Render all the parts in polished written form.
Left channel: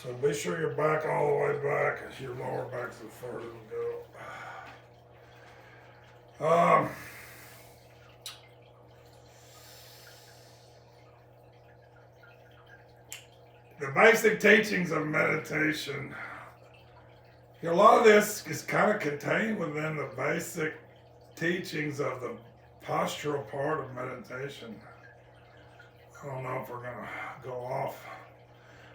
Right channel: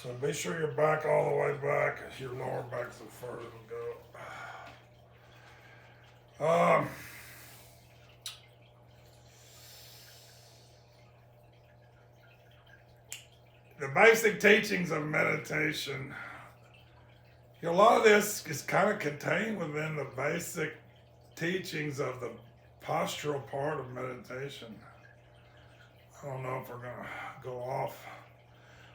So be sure your back all the way back, as your lower back's the furthest it'll go. The basic teachings of meditation. A lot of this is kind of contained within the basic teachings of the postural part of meditation. I don't know if we're going to go off.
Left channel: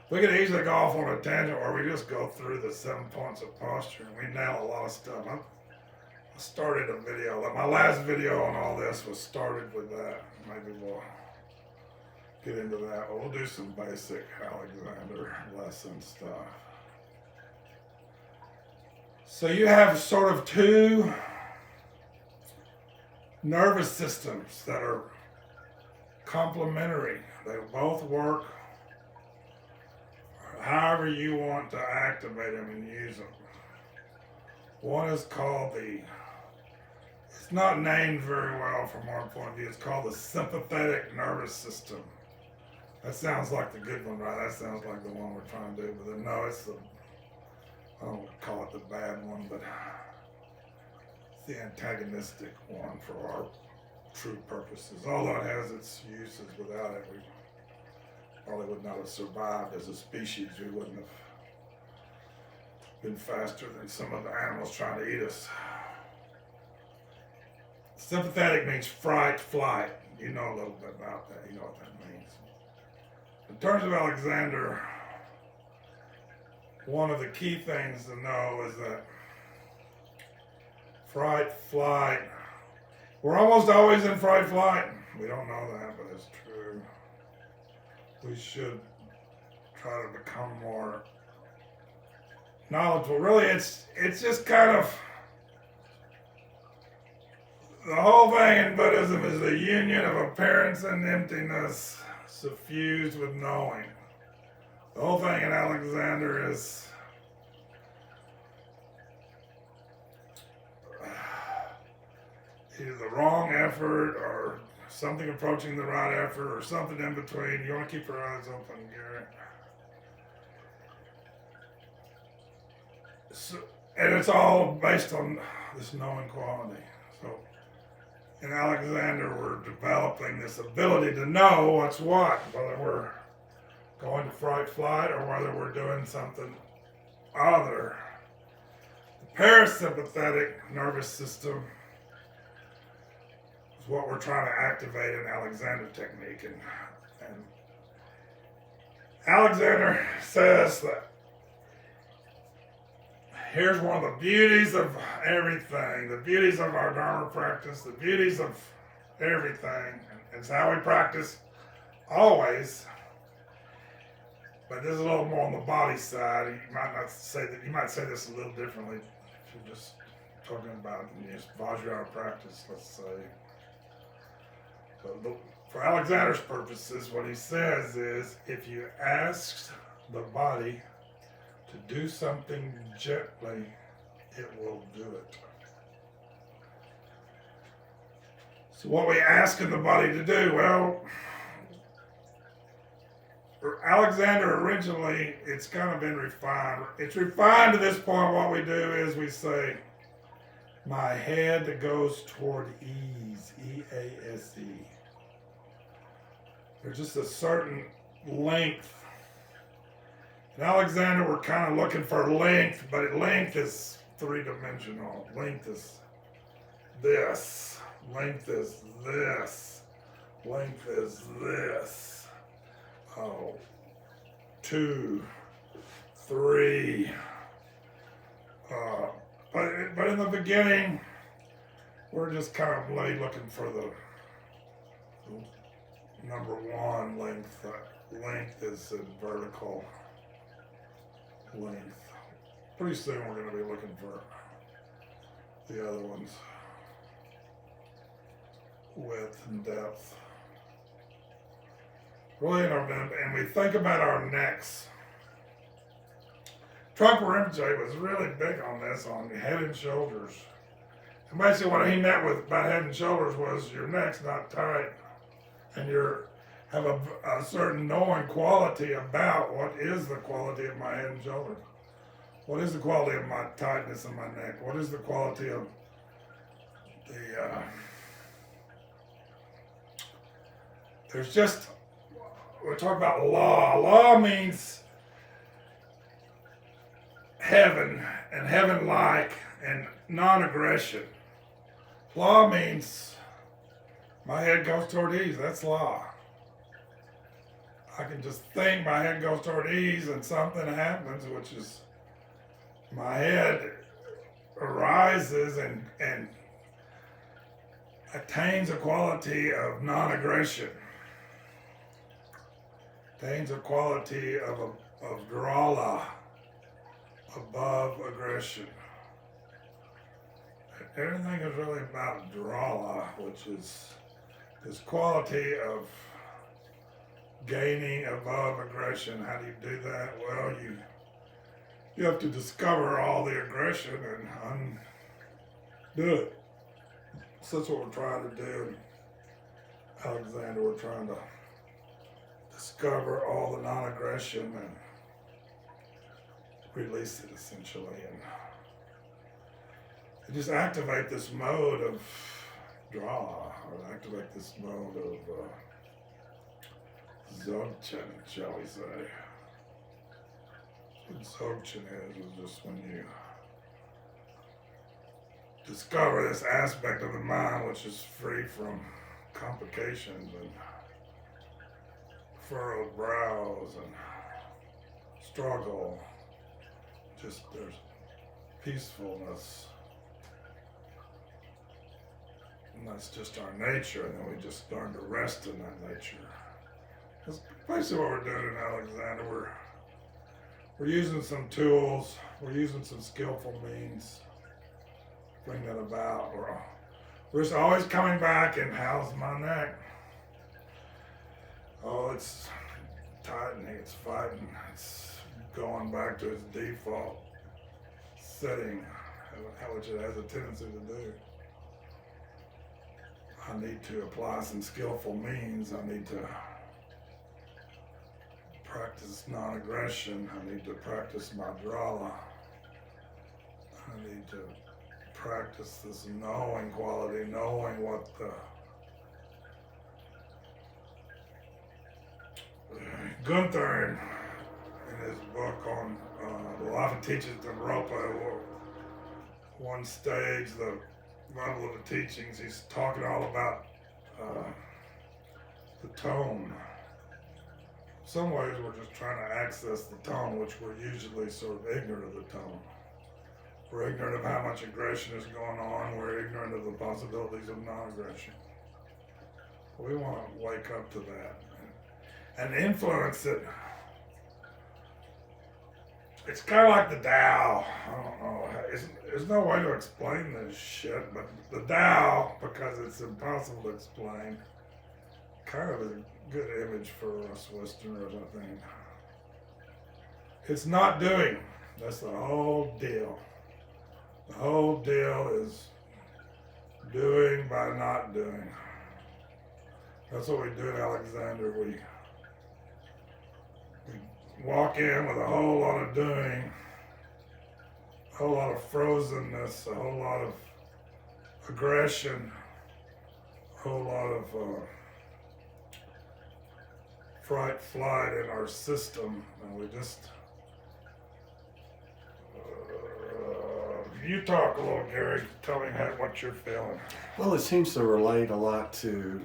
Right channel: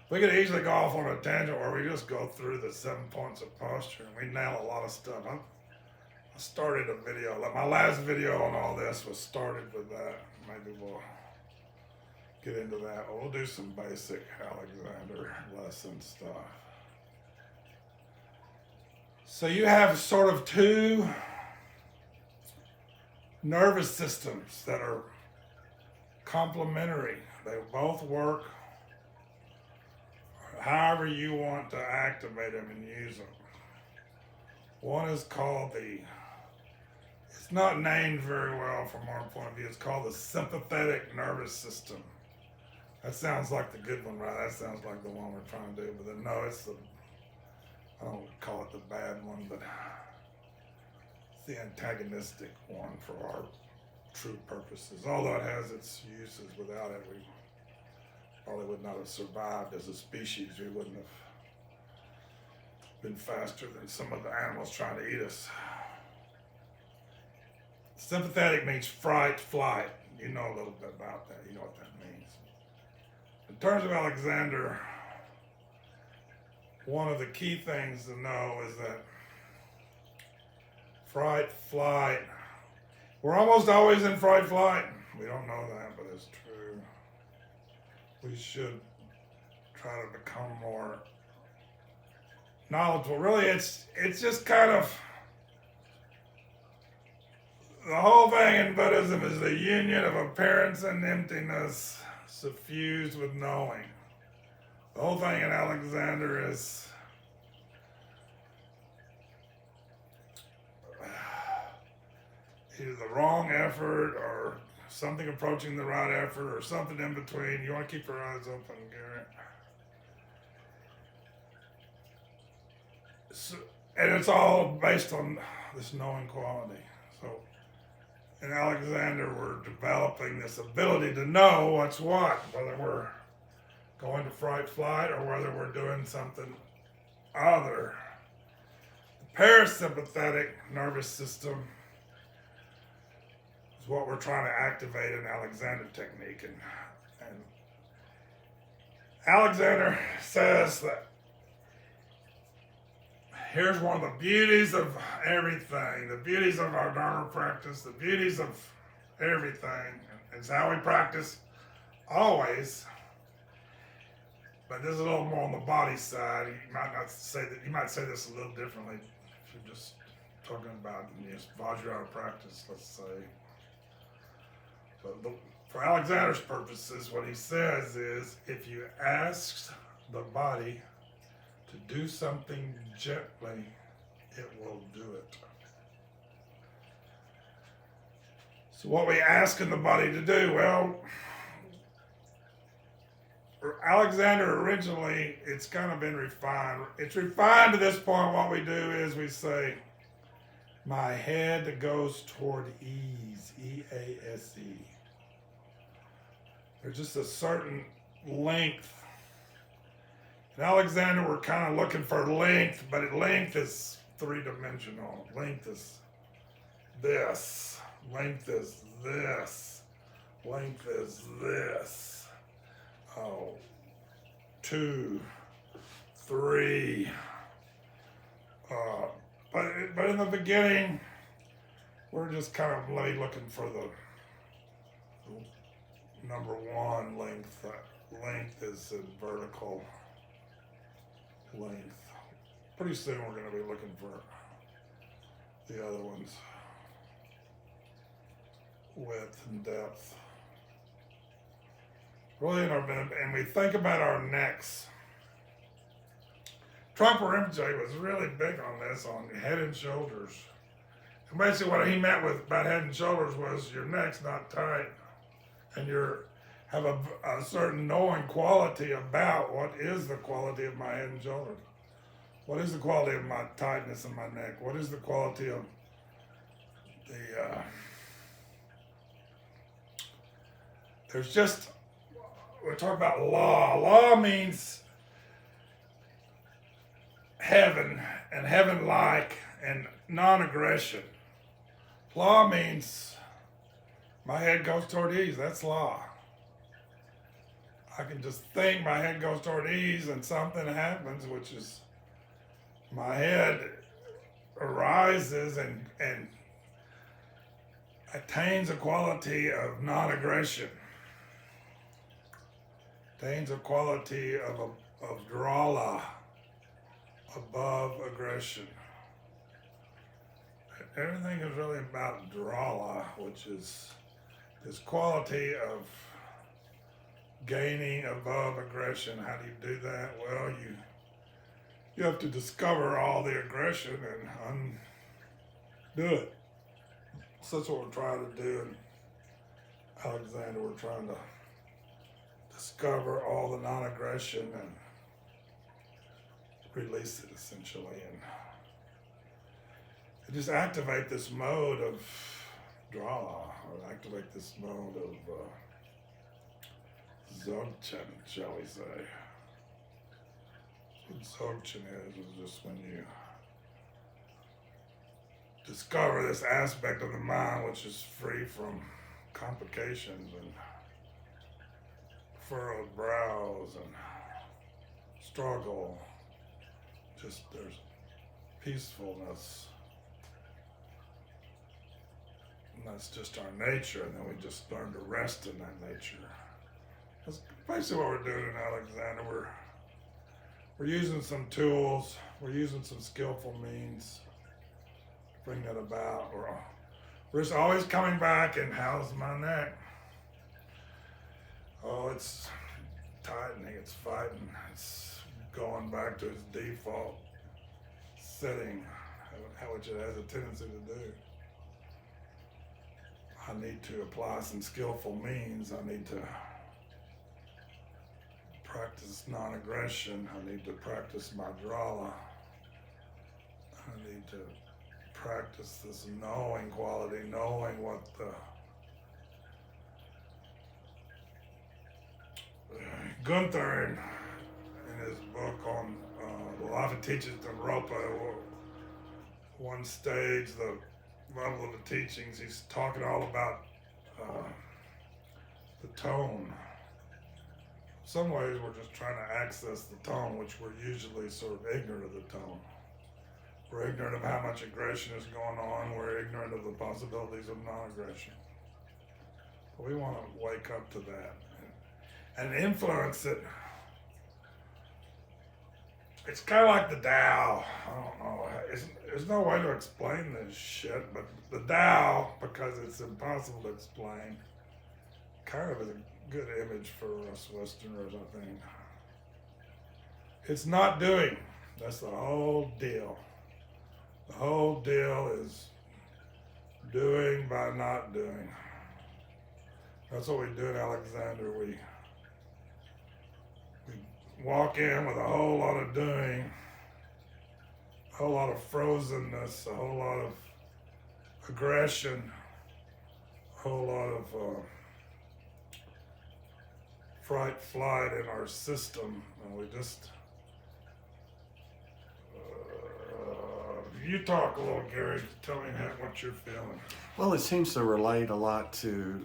We could easily go off on a tangent where we just go through the 7 points of posture and we nail a lot of stuff. I started a video, like my last video on all this was started with that. Maybe we'll get into that. We'll do some basic Alexander lesson stuff. So you have sort of two nervous systems that are complementary. They both work however you want to activate them and use them. One is called it's not named very well from our point of view, it's called the sympathetic nervous system. That sounds like the good one, right? That sounds like the one we're trying to do, but then, no, it's I don't call it the bad one, but it's the antagonistic one for our true purposes. Although it has its uses, without it, we probably would not have survived as a species. We wouldn't have been faster than some of the animals trying to eat us. Sympathetic means fright, flight. You know a little bit about that. You know what that means. In terms of Alexander, one of the key things to know is that fright, flight, we're almost always in fright, flight. We don't know that, but it's true. We should try to become more knowledgeable. Really, it's just kind of, the whole thing in Buddhism is the union of appearance and emptiness suffused with knowing. The whole thing in Alexander is either the wrong effort or something approaching the right effort or something in between. You want to keep your eyes open, Garrett. So, and it's all based on this knowing quality. So in Alexander, we're developing this ability to know what's what, whether we're going to fright, flight, or whether we're doing something other. The parasympathetic nervous system is what we're trying to activate in Alexander technique. And Alexander says that here's one of the beauties of everything, the beauties of our Dharma practice, the beauties of everything. It's how we practice always. But this is a little more on the body side. You might not say that. You might say this a little differently if you're just talking about just Vajrayana practice, let's say. But for Alexander's purposes, what he says is, if you ask the body to do something gently, it will do it. So what we ask in the body to do, well, for Alexander originally, it's kind of been refined. It's refined to this point. What we do is we say, my head goes toward ease, E-A-S-E. There's just a certain length. In Alexander, we're kind of looking for length, but length is three-dimensional. Length is this. Length is this. Length is this. 2, 3. But in the beginning, we're just kind of looking for the number one length. Length is in vertical length. Pretty soon we're going to be looking for the other ones. Width and depth. Really, and we think about our necks. Trungpa Rinpoche was really big on this, on head and shoulders. And basically what he meant with about head and shoulders was your neck's not tight, and have a certain knowing quality about what is the quality of my head and shoulders. What is the quality of my tightness in my neck? What is the quality of the, there's just, we're talking about law. Law means heaven and heaven-like and non-aggression. Law means my head goes toward ease. That's law. I can just think my head goes toward ease and something happens, which is my head arises and attains a quality of non-aggression, attains a quality of drala, above aggression. Everything is really about drala, which is this quality of gaining above aggression. How do you do that? Well, you have to discover all the aggression and undo it. So that's what we're trying to do. And Alexander, we're trying to discover all the non-aggression and release it, essentially, and just activate this mode of draw, or activate this mode of Dzogchen, shall we say. What Dzogchen is just when you discover this aspect of the mind which is free from complications and furrowed brows and struggle. Just there's peacefulness. And that's just our nature, and then we just learn to rest in that nature. That's basically what we're doing in Alexander. We're using some tools, we're using some skillful means to bring that about. We're just always coming back and how's my neck? Oh, it's tightening, it's fighting, it's going back to its default setting, which it has a tendency to do. I need to apply some skillful means. I need to practice non-aggression. I need to practice my drala. I need to practice this knowing quality, knowing what the Gunther in his book on a lot of teachings of Ropa, one stage, the level of the teachings, he's talking all about the tone. In some ways we're just trying to access the tone, which we're usually sort of ignorant of the tone. We're ignorant of how much aggression is going on. We're ignorant of the possibilities of non-aggression. But we want to wake up to that and influence it. It's kind of like the Tao. I don't know. There's no way to explain this shit, but the Tao, because it's impossible to explain, kind of is a good image for us Westerners, I think. It's not doing. That's the whole deal. The whole deal is doing by not doing. That's what we do in Alexander. We walk in with a whole lot of doing, a whole lot of frozenness, a whole lot of aggression, a whole lot of fright, flight in our system, and we just, you talk a little, Gary, tell me what you're feeling. Well, it seems to relate a lot to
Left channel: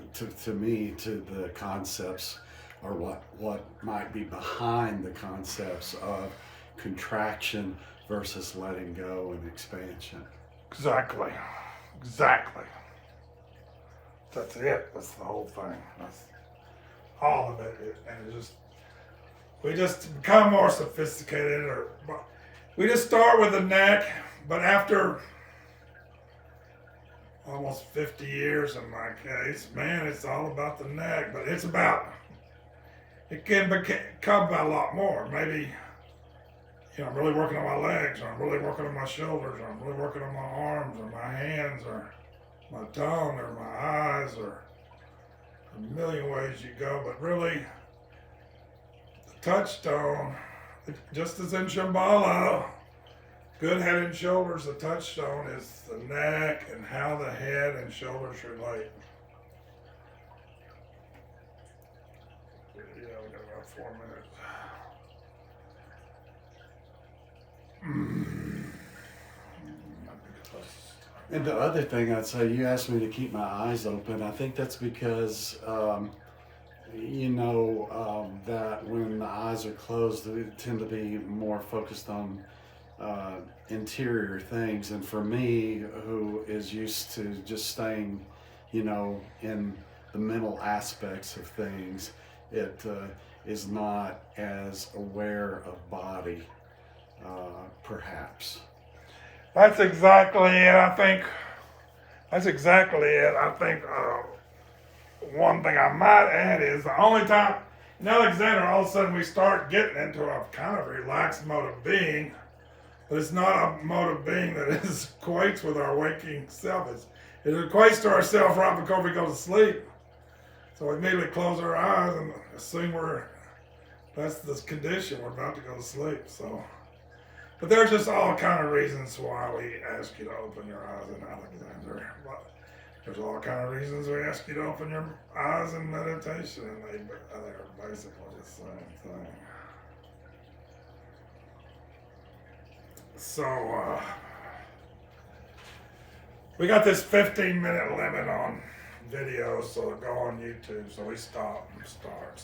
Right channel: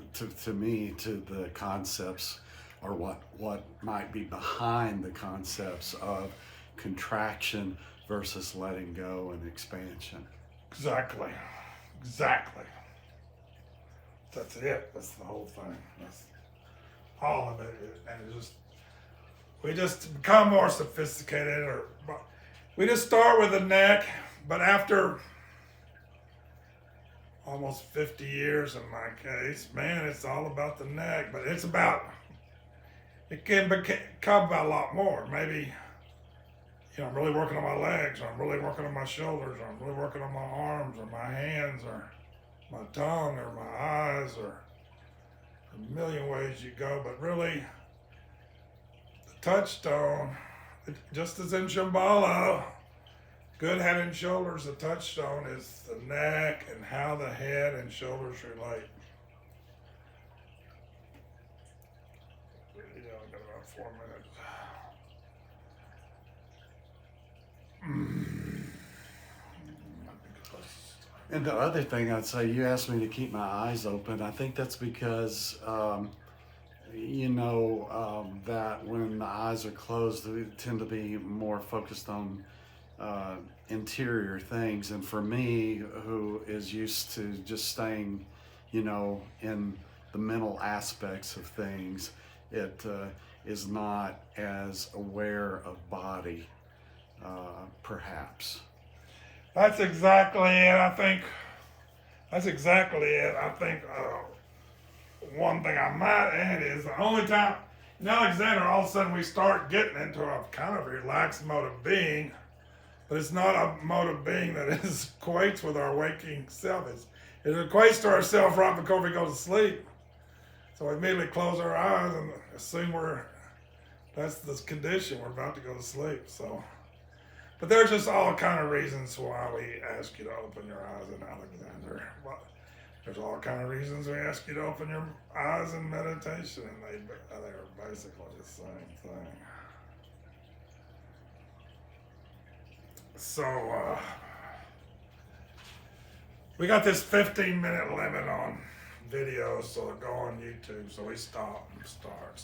me, to the concepts, or what might be behind the concepts of contraction versus letting go and expansion. Exactly. That's it. That's the whole thing. That's all of it. And we just become more sophisticated, we just start with the neck, but after almost 50 years in my case, man, it's all about the neck, but it can become about a lot more. Maybe, I'm really working on my legs, or I'm really working on my shoulders, or I'm really working on my arms, or my hands, or my tongue, or my eyes, or a million ways you go, but really, the touchstone, just as in Shambhala, good head and shoulders, the touchstone is the neck and how the head and shoulders relate. Yeah, we got about 4 minutes. And the other thing I'd say, you asked me to keep my eyes open. I think that's because, that when the eyes are closed, we tend to be more focused on interior things. And for me, who is used to just staying, in the mental aspects of things, it is not as aware of body, perhaps. That's exactly it. I think that's exactly it. I think one thing I might add is the only time in Alexander, all of a sudden we start getting into a kind of relaxed mode of being, but it's not a mode of being that equates with our waking self. It equates to ourself right before we go to sleep. So we immediately close our eyes and assume that's this condition, we're about to go to sleep. So. But there's just all kind of reasons why we ask you to open your eyes in Alexander. But there's all kind of reasons we ask you to open your eyes in meditation, and they are basically the same thing. So we got this 15-minute limit on videos, so go on YouTube. So we stop and start.